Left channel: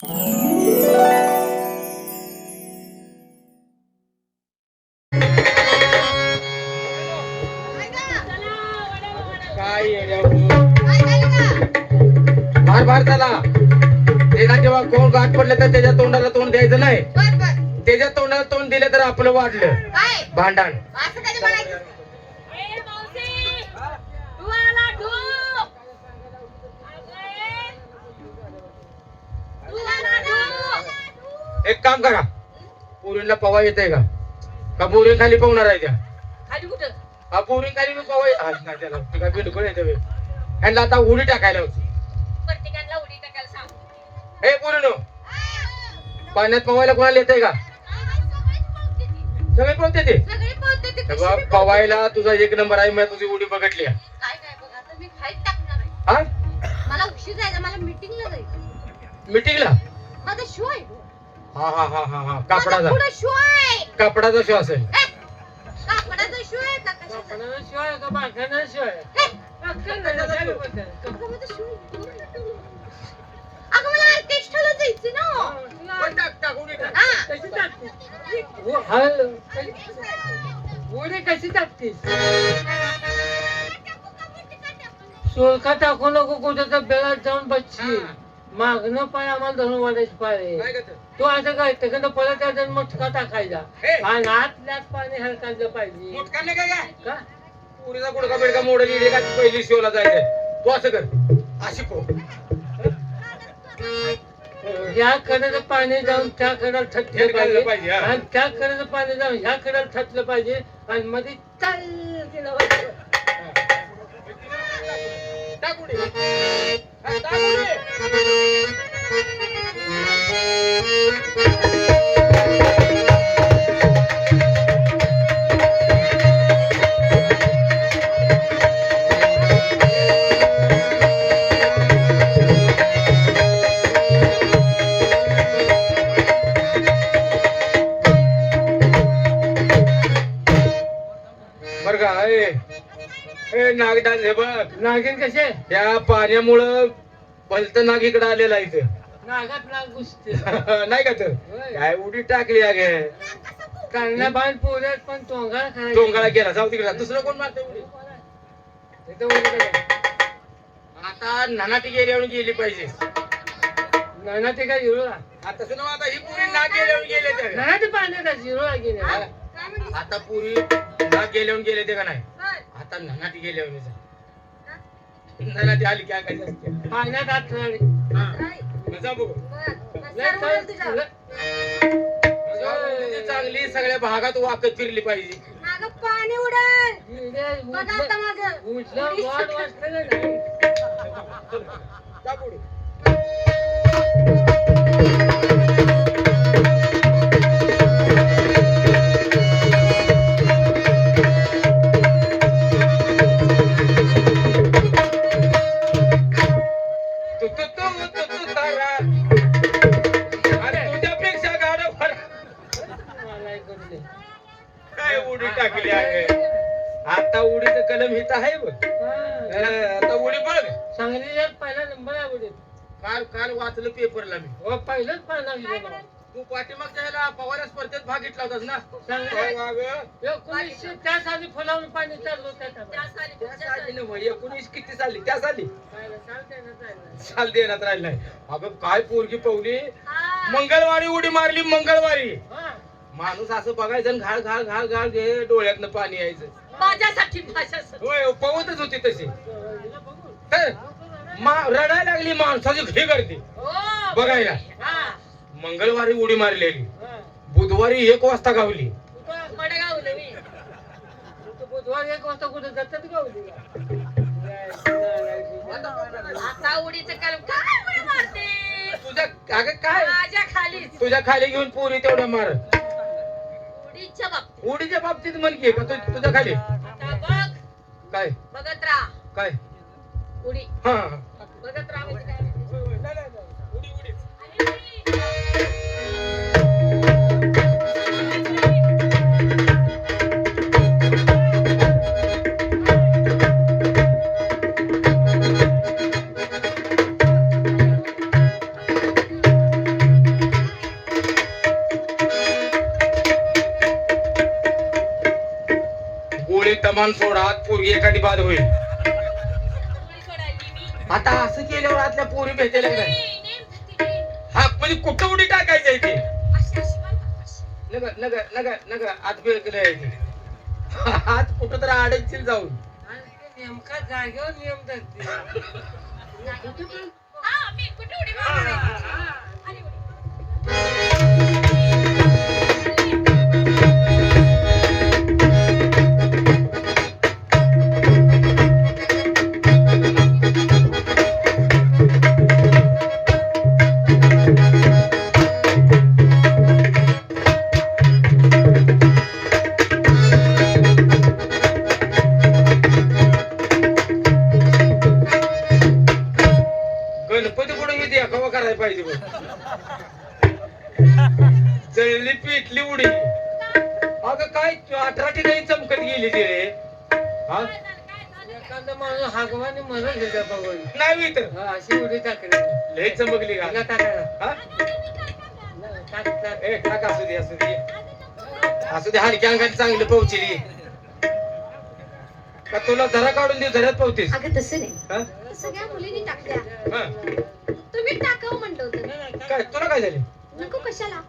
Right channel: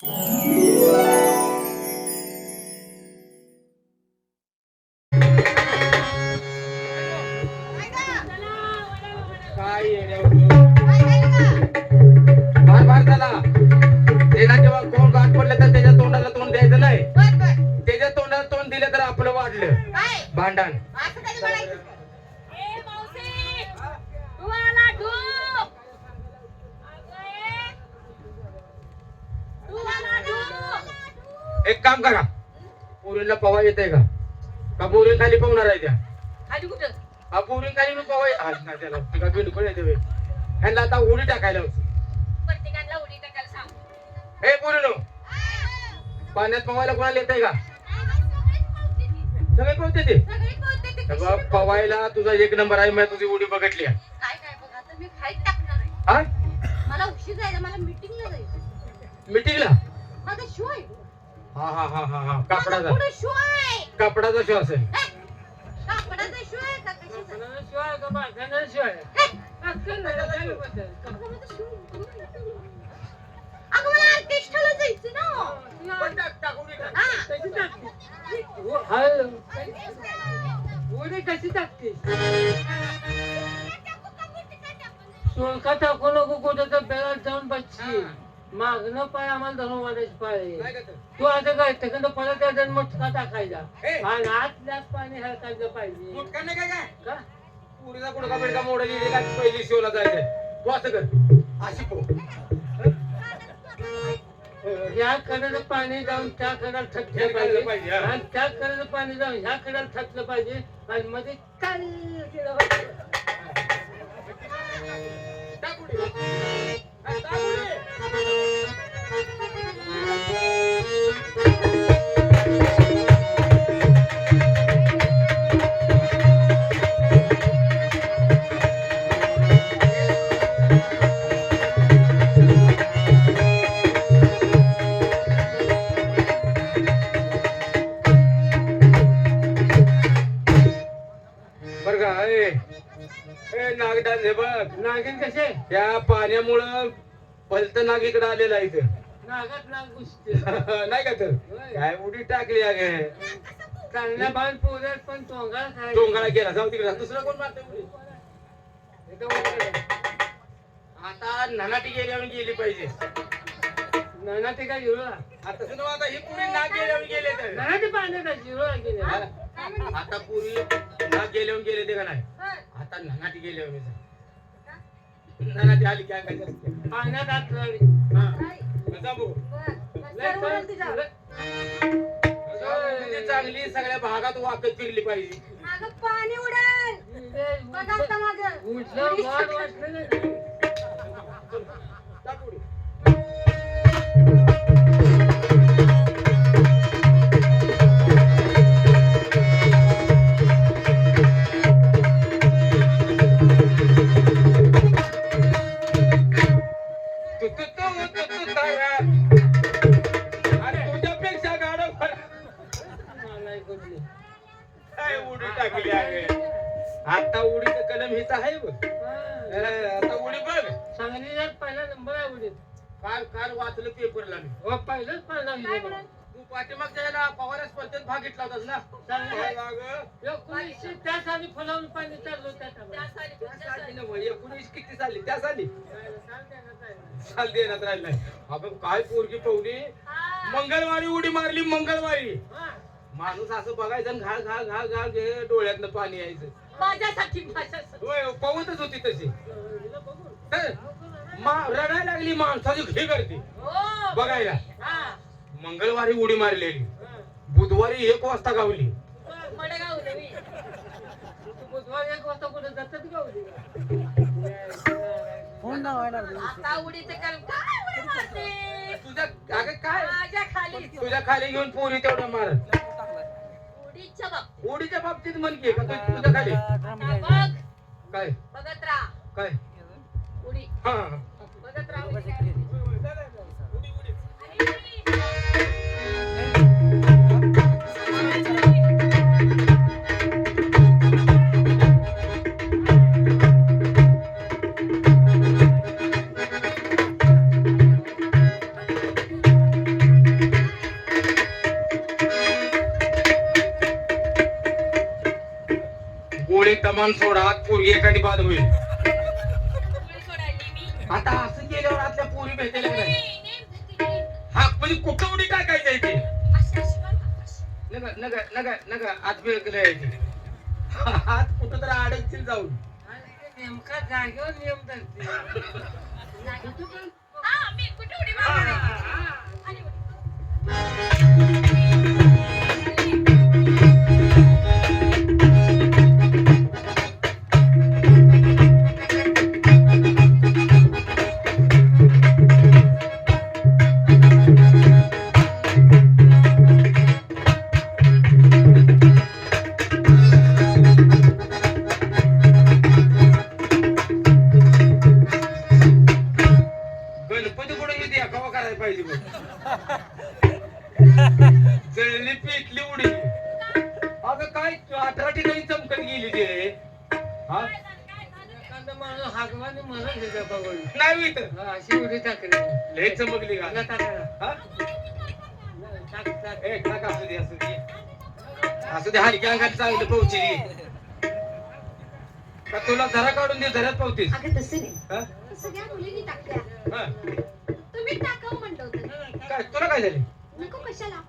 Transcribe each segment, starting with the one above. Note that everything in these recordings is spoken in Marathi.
हो. त्याला. त्याला. जेव्हा कोण गाठ पडलं तर त्याच्या तोंडाला तोंड द्यायचं नाही. त्याच्या तोंडाला तोंड दिलं तर आपलं वाढलं. भांडण एक काम करा पुरीला पवा येते का का पुरी खाली पवणार आहे त्या हा पुरी खाली मी त्याला ते काय बिलकुल येते बे. ह्यांना आता उडी टाकायला होती. हे पुरी पाण्यात पवायला कोणाला येते का? सगळे पवते ते? पवायला तुझा एक नंबर आहे मी तुझी उडी बघितली. हा? मीटिंगला हा हा हा हा हा कापडाचा पुढं शो आहे कापडाचा शो असेल हे, कापडाचा शो आहे का कशाचा? हे, आहे. अगं, मला जायचं ना. हा. कशी टाकतीस टाकू का बुट्टी का टाकू? सुळका टाकू नको कुठं तर बेळात जाऊन बसची हा. मागणं पाय आम्हाला धरून वाढायची पाय काय आहे. करतो? तू आता काय तिकडं परत यायचं मुटका टाकायचा हे. आणि आतल्यात पाणी हलकायला पाहिजे मुटका नाही काय काय? का पुरीचा गुडका बिडका मोडून येईल का पहिली शोला जायचंय तू असं कर अशी पो कडेला पाणी जाऊन त्या कडेला थटलं पाहिजे पाहिजे, हा. आणि त्या कडेला पाणी जाऊन ह्या कडेला थटलं पाहिजे आणि मध्ये चल केलं पाहिजे. टाक उडी. नागदान हे बघ. नागिन कसे? या पाण्यामुळं भलत नाग इकडं आलेला आहे इथं. नागात नाग घुसते नाही का तर? काय उडी टाकली अगे काढण्या बाण पोऱ्यात पण तोंगाळा करायचा. टोंगाळा गेला जाऊ तिकडे. दुसरं कोण मारतं उडी? इथं उडी करायची. आता नानाटी गेल्यावर गेली पाहिजे. नाना ते काय हिरोळा आता नव्ह, आता ही पुरी नाग गेल्यावर गेले ते नाना ते हिरोळा गेले? आता पुरी नाग गेल्यावर गेले ते का नाही? आता नानाटी गेल्यावर नाही. नानाटी आली काय काय असते पाण्यात. हा. जाऊ बघू. चांगलं- सगळ्या भागात वाकत फिरली पाहिजे. मागं पाणी उडेल. बघा आता मागं. सटकली. असं बघायचं घाळ घाळ घाळ घाळ घे डोळ्यातनं पाणी यायचं. माझ्यासाठी माझ्यासाठी. होय पवतच होती तशी. तर मा- रडायला लागली माणसाची घे करते हो. बघायला. हा. मंगळवारी उडी मारलेली. हा. बुधवारी एक वाजता गावली. कुठं- मडगावला मी. तू बुधवारी एक वाजता कुठं जातात का? उडीला? आता उडीचं कलम काय उडी मारते? तुझ्या अगं काय? माझ्या खाली. तुझ्या खाली घेऊन पोरी तेवढं मार. उडीच्या बाबतीत. उडीच्या बाबतीत की? तु- तुझ्या खाली आता बघ. काय? बघत राहा. काय? उडी हा. जागी होतो झालं? एखादा माणूस हागवाने म्हणत होता बघून नाही तर. हा, अशी उडी टाकली. लय चमकली तिला का टाकायला हा? टाक टाक. ए टाक असू दे असू दे. असू दे हलक्या अंगात चांगलं पोहोचली. का तुला धरा काढून दे धरत पोहतीस अगं तसं नाही. हा? सगळ्या मुलींनी टाकल्या. हा? तुम्ही टाकावं म्हणलं होतं. नाही, नाही, टाक. काय तुला काय झाले? नको कशाला?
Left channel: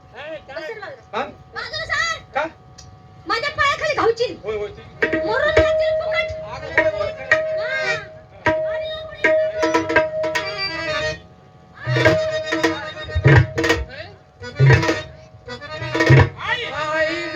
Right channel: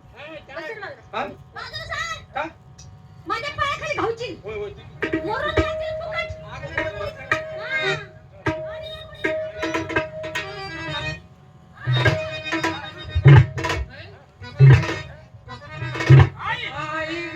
टाक. बसेल मला. हा? बाजूला सार. का? माझ्या पायाखाली घावची होय होय. ती- मरून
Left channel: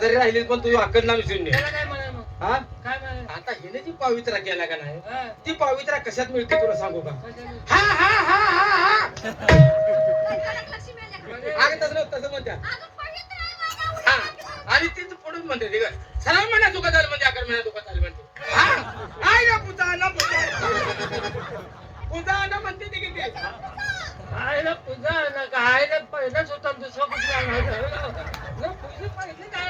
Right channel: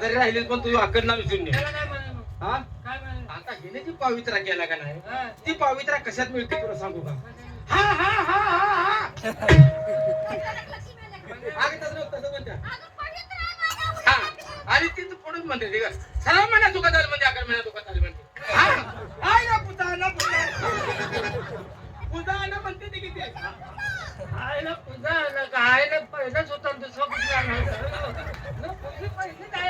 शेजारी राहिली पण तू अक्कल ना विसरून. हा? आता हिने जी पवित्रा केला का नाही? ती पवित्रा कशात मिळते तुला सांगू का? हा हा हा हा हा? अगं तसं तसं म्हणत्या आहे. हा. आणि ती पुढून म्हणते ते का सरळ म्हणा तुका झालं म्हणजे अकरा महिना तुका झालं म्हणते. हा? आई ना पुता ना पुता. पुता ना म्हणते ती किती? आयला पूजा आला का आयला पहिलंच होता दुसरं कुठलं आणायचं? न, पहिलं पहिलं काय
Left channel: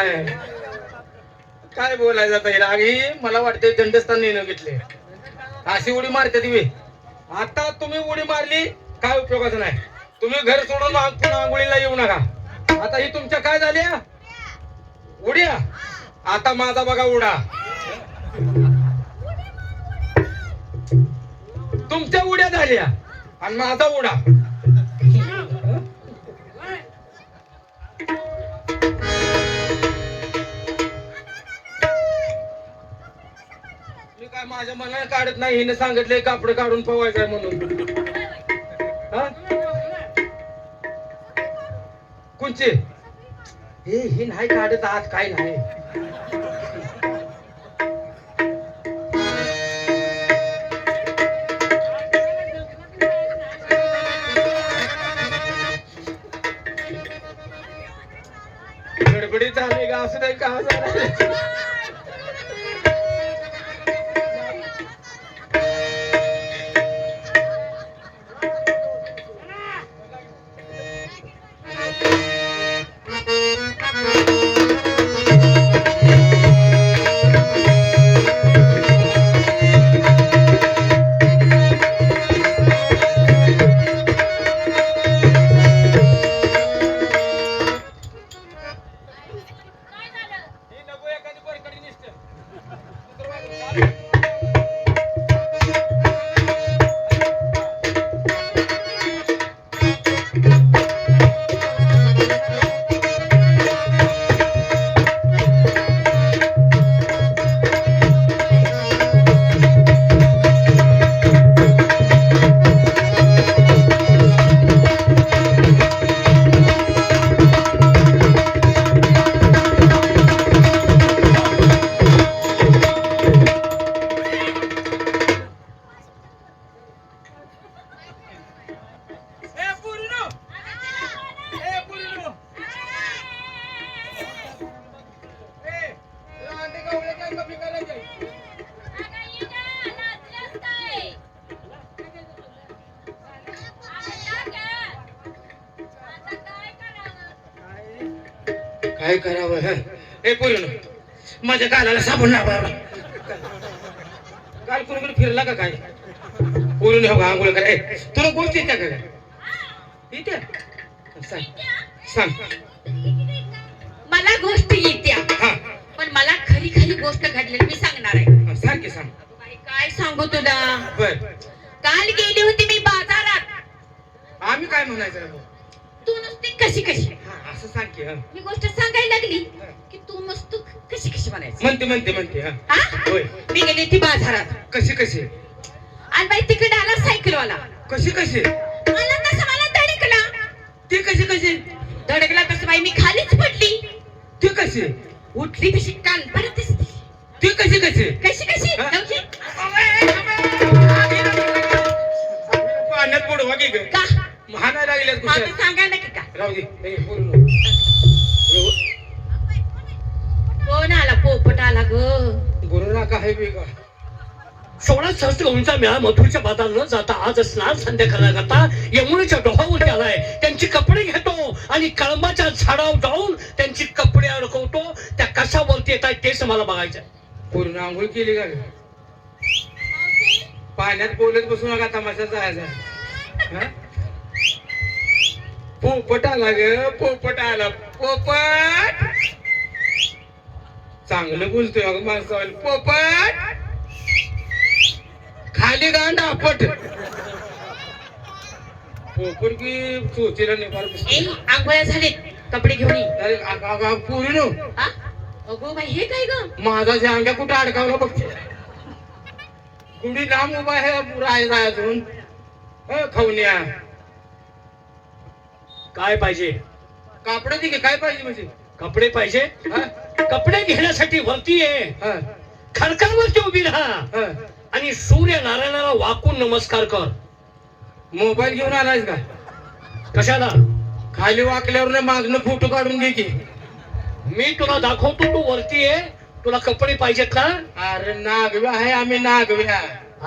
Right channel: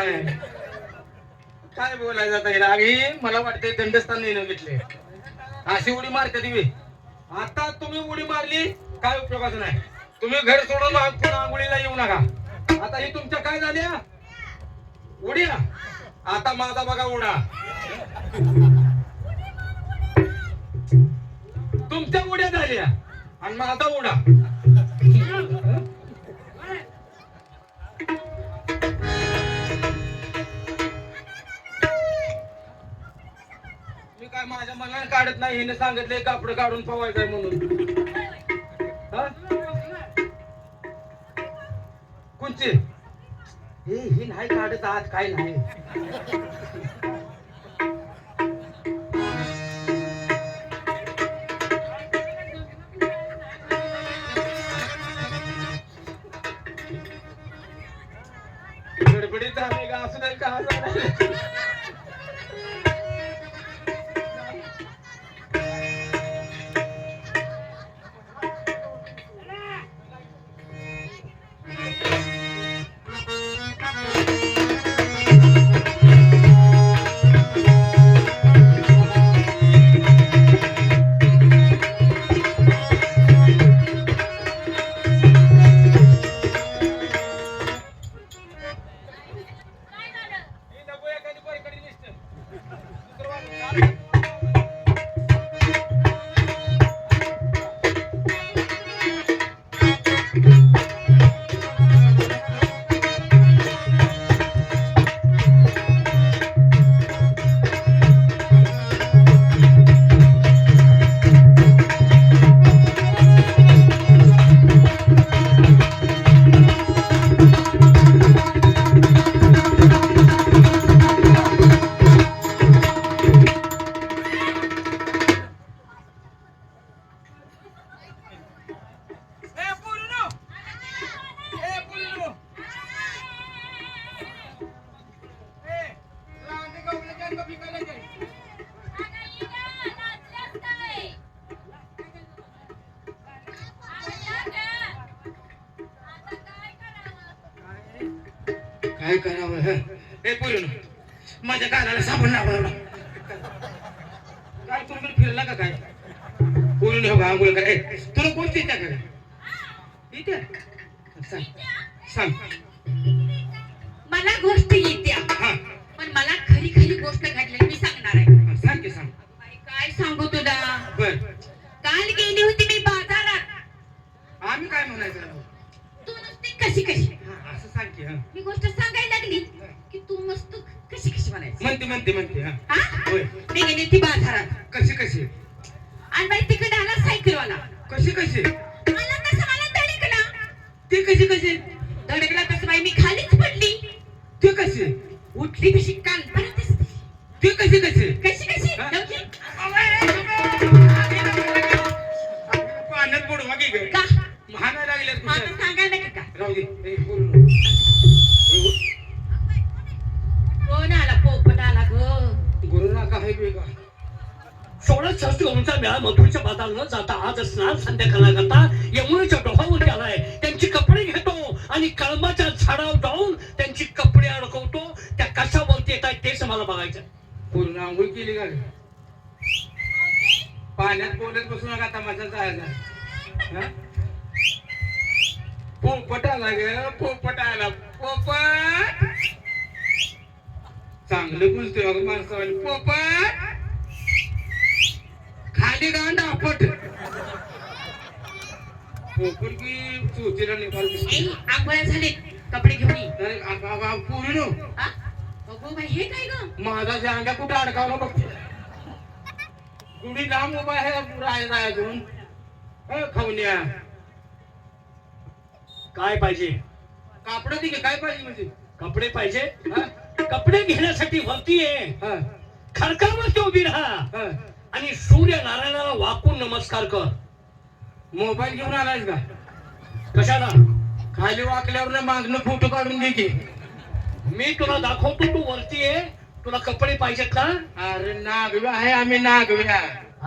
काय? काय बोलायचं आता? हिला ही मला वाटतंय दंडस्थान नेणं घेतले अशी उडी मारते तुम्ही आता तुम्ही उडी मारली काय उपयोगाचं नाही. तुम्ही घर सोडून पुन्हा आंघोळीला येऊ नका. आता ही तुमच्या काय झाल्या उड्या आता माझा बघा उडा. तुमच्या उड्या झाल्या. आणि माझा उडा. माझ्या मनाने काढत नाही हिने सांगितलंय कापड काढून पवायचंय म्हणून. हा? हे ही नाही काढत आज काय नाही. हं? पूर्ण माझ्या कानाला साबण लावा. काल कुणीकडे फिरला का काय? पूर्ण हो आंघोळ कर. तुला गोष्ट येते का? काय येते सांग. सांग. मला गोष्ट येत्या. हा. पण मला खरी खरी गोष्ट घडलेली मी सांगणार आहे. हा, सांग काय सांगू तुला? बर. काल गेली होती मी बाजारात. आम्ही काय म्हणायचं? तू नुसती कशी कशी? हा, असं सांग की हा. गोष्ट सांगायला लागली. तू मस्त कशी कशी म्हणायची? म्हणते म्हणते म्हणते हा. हा? होय. मी गेली ती बाजारात. कशी कशी? आणि बाई तिकडे आला सायकलवाला. कशी कशी? मला तसं मला धडकला. ती कशी कशी? धडकला तसं बाई? मी खालीच पडली. ती कशी? उठली तशी कान परत ती कशी कशी? कशी कशी? हा? पाण्यात की काय का? महाना लागल्यात माझं सांगायला की का? राहू दे. बोलू. नको आला पोपट आला ग ए, आहे सोळा सहस्त्र उंचा मेळा मधुरच्या बाजार न जाता आज स्नान संध्याकाळ करता यमुनेच्या डोहावर आलाय. त्यांची कपडे घेतो आणि कळंबाच्या झाडावर जाऊन त्यांची कपडे अडकवतो. त्या कशावरती येत आहेत तेच मला बघायचं पूर्ण आंघोळ केली का पाण्यात बोलत बसू नका तमाशा जायचा पोपट आला ग पोपट आला. पोपट! चांगलं बोलतोय अगं माणसावाले. पोपट! खाली गांड आपट. पोपट की चोचीला नेपाल आंघोळ्या झाले कपडे घेऊन ये. अरे अगं, अगं, अगं, पोरीनो. हा? अगो बाई हे काय ग? माझा जांग्या कुठं अडकावला बघते कुणी लांब उभा आहे राय राय धरून. अ, खवण्या. काय पाहिजे? कापड दे की, काय पाहिजे म्हणजे? कपडे पाहिजे? हा? कपडे घेण्यासाठी वरती आहे हा, खडकावरती उभी राहा. आणि सूर्य नारायणाला वाकून नमस्कार कर. मोबाईल घेऊन आलायस का? कशाला? खाली वाकल्यावर मागणं फोटो काढून घे की. मी तुला दाखवतो तू वरती आहे तुला कपडे पाहिजेत ना? अरे नागव्या आहे आम्ही नागव्या.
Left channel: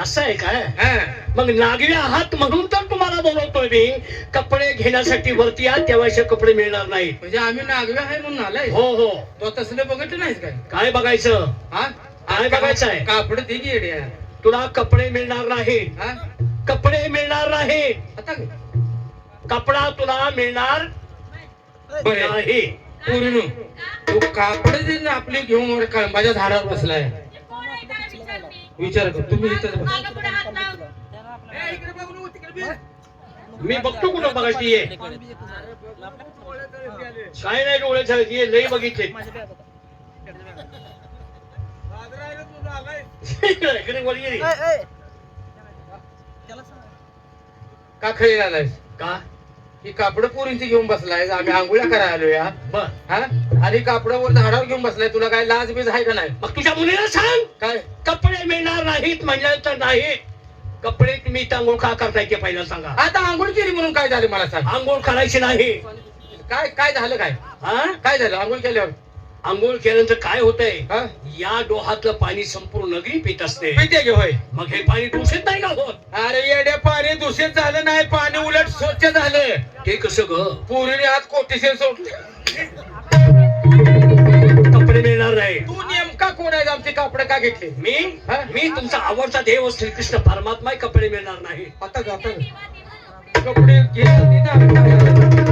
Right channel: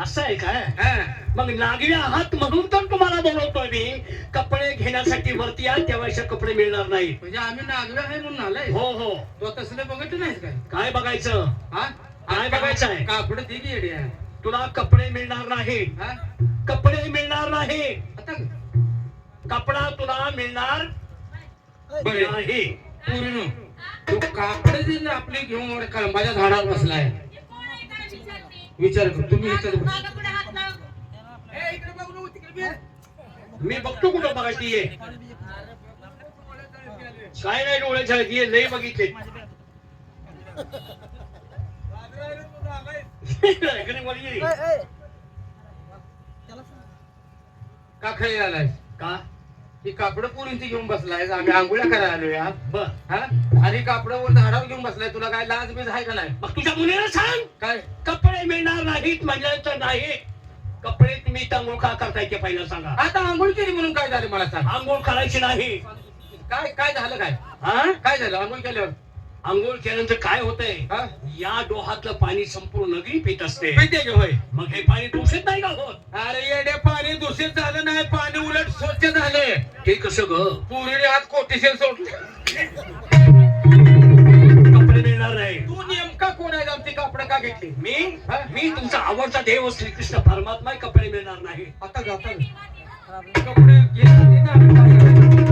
असं आहे काय हा. मग नागरी आहात म्हणून तर तुम्हाला बोलवतोय मी. कपडे घेण्यासाठी वरती या तेव्हा कपडे मिळणार नाहीत. म्हणजे आम्ही नागव्या आहे म्हणून आलाय? हो हो. तो तसलं बघितलं नाहीस काय? काय बघायचं? हा? काय बघायचं आहे? कापड दे की येड्या. तुला कपडे मिळणार नाहीत. हा? कपडे मिळणार नाहीत. आता? कपडा तुला मिळणार नाही. पोरीनो तू कापड दे आपली घेऊन कांबाच्या झाडावर बसलाय. विचार कर. तुम्ही. मी बघतो कुठं बघायची ये. काय नाही डोळे झाले ये लई बघितले. इकडे वर ये रे. का खेळी आलाय का? ही कापड पोरींची घेऊन बसलाय आम्ही आंघोळ्या करायला आलो या बर. हा? आणि कापडावर झाडावर घेऊन बसलाय. तुला काय लाज बीज आहे का नाही? मग तुझ्या मुलीला सांग. काय? कपडे मिळणार नाहीत म्हणलं तर नाही. कपडे तुम्ही तांगोळ का करताय ते पहिला सांगा. आता आंघोळ केली म्हणून काय झालं मला सांग. आंघोळ करायची नाही. काय काय झालं काय? हा? काय झालं? आंघोळ केल्यावर? आंघोळ केल्यानंतर काय होतंय? हा? या डोहातलं पाणी संपूर्ण नगरी पित असते. पिते घे होय? मग हे पाणी दूषित नाही का होत? अरे येडे पाणी दूषित झालं नाही पाणी उलट स्वच्छ झाले हे कसं ग? पोरीने आज कोटीशीर सोडले. कपडे मिळणार नाही. तू नेमका कोण आहे? आमची कापड का घेतली? मी? हा? मी तुमचा आवडता देव श्रीकृष्ण परमात्मा कपडे मिळणार नाही. आता जाता कपडे घेतले ना